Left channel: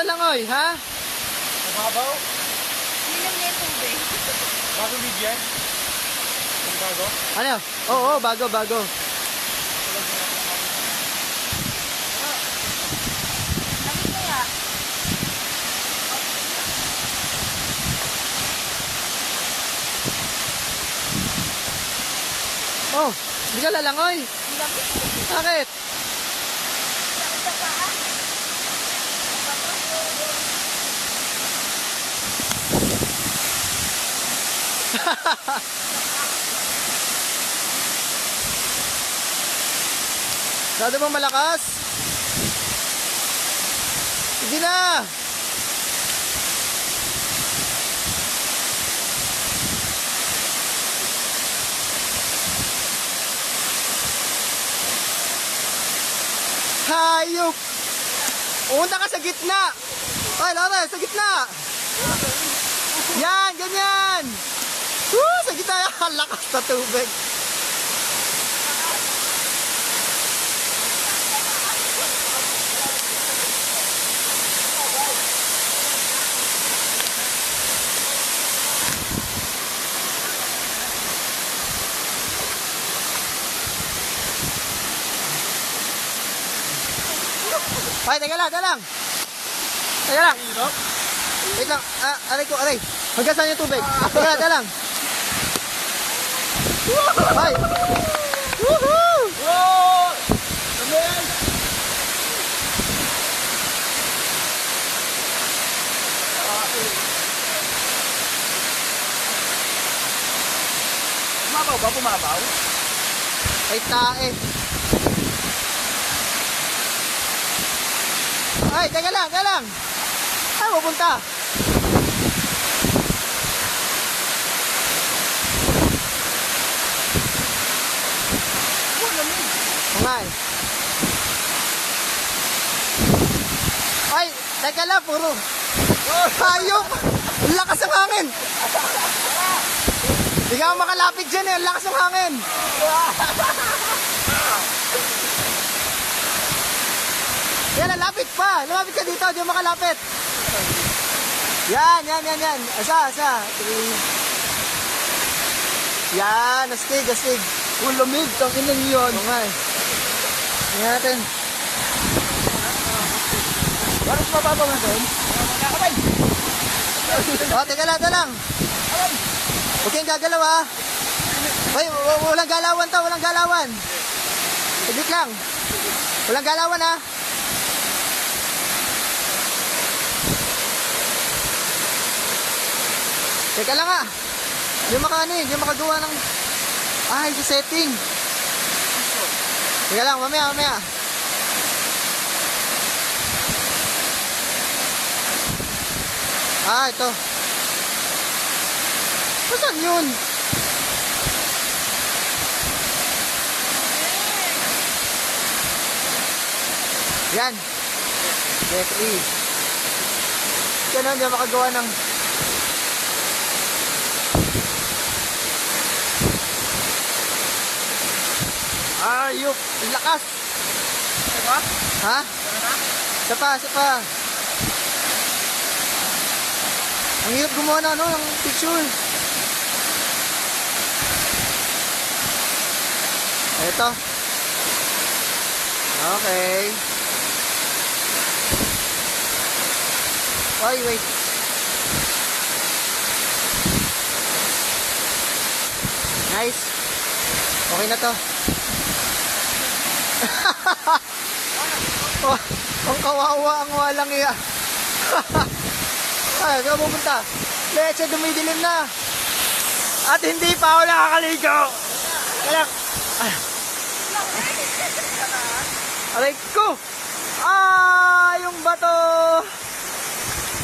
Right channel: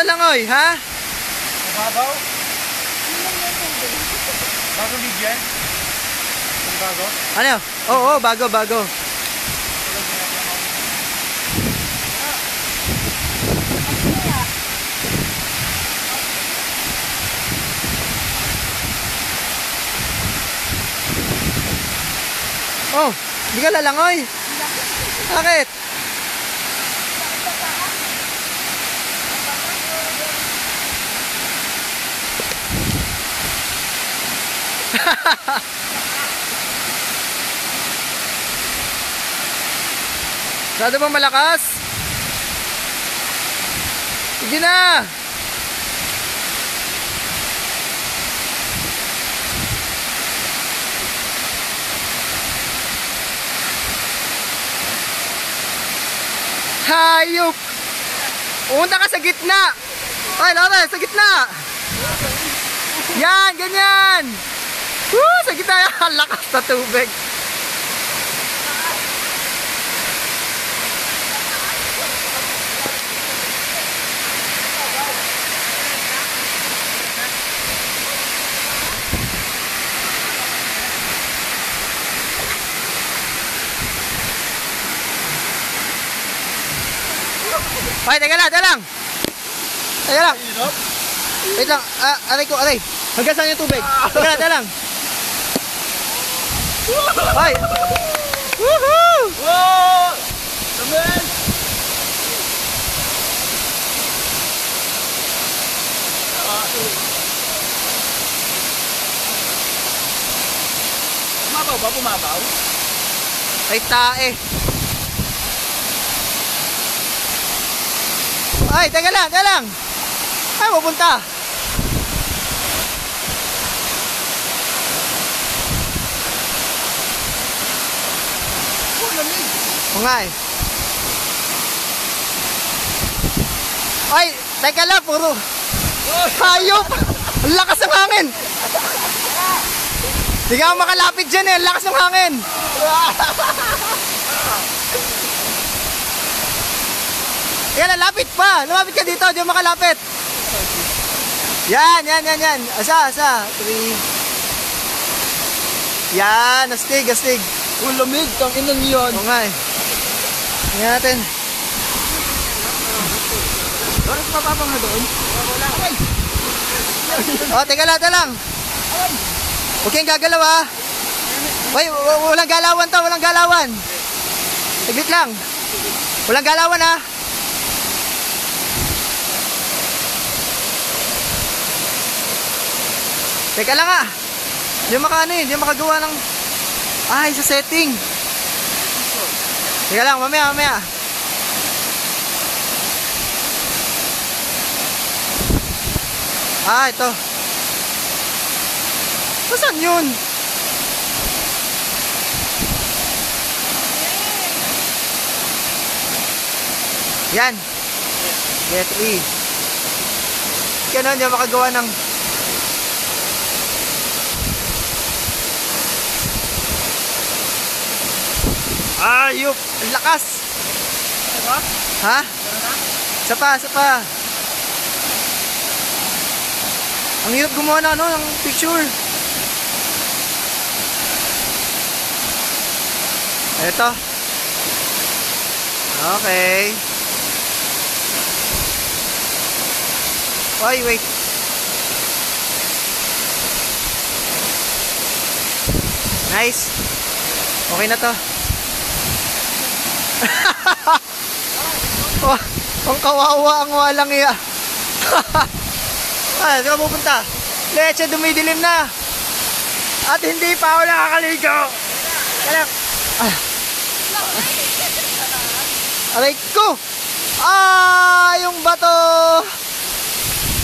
sa langoy, ha? Mababaw? Hindi lang yan tubig. Bago bigyan? Bago? Ano? Oo, bago. Ano kaya? Oh, hindi ka lalangoy. Bakit? Masyado bang malakas? Sige na! Hayop! Pumunta ka sa gitna! Ay, Laurel, sa gitna! Yan, ganyan! Woo! Sa gitna yan! Lakas na tubig! Ay, teka lang! Teka lang! Wait lang, aray! Hanggang saan yung tubig? Teka lang! Ay! Woohoo! Wow! Samuel! Pumabaw ba? Pumabaw? Ay, tae! Ay, teka lang! Ay, pupunta! Oh, lamig! O nga eh. Ay, teka lang, puro. Hayop! Ang lakas ng hangin! Hindi ka makalapit dyan eh, ang lakas ng hangin! Yan, lapit pa! Lumapit ka dito, diyan makalapit! Yan! Asa! 3. Yan, astig! Oh, lamig! Tangin lang yun! O nga eh. Tingnan natin. Bakit mababa mo doon? Aray! O, teka lang. Huwag kayong gagalaw ha. Ay, walang galawan to, walang galawan. Saglit lang. Walang galawan ha. Teka lang ha. Hindi makagawa ng... Ay, sa setting. Teka lang, mamaya. Ah, ito. Saan yun? Yan. Get E. Ganun, hindi makagawa ng... Ayop! Ang lakas! Diba? Ha? Isa pa. Ang hirap gumawa ng picture. Ito. Okay. Wait. Nice. Okay na to. Oh, ang kawawa ang walang iya. Ay, saan ka pupunta? Leche, dumidilim na. At hindi pa ako nakakaligo. Kaya aray ko. Yung bato.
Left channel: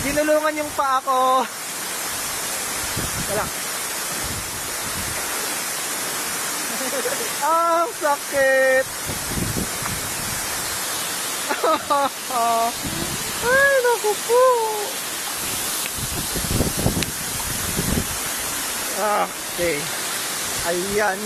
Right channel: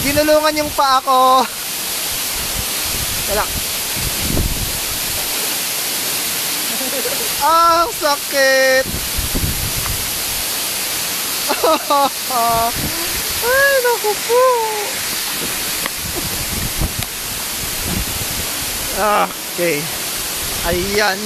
Ginulungan yung paa ko. Kaya sakit. Ay, naku po. Okay. Ayan.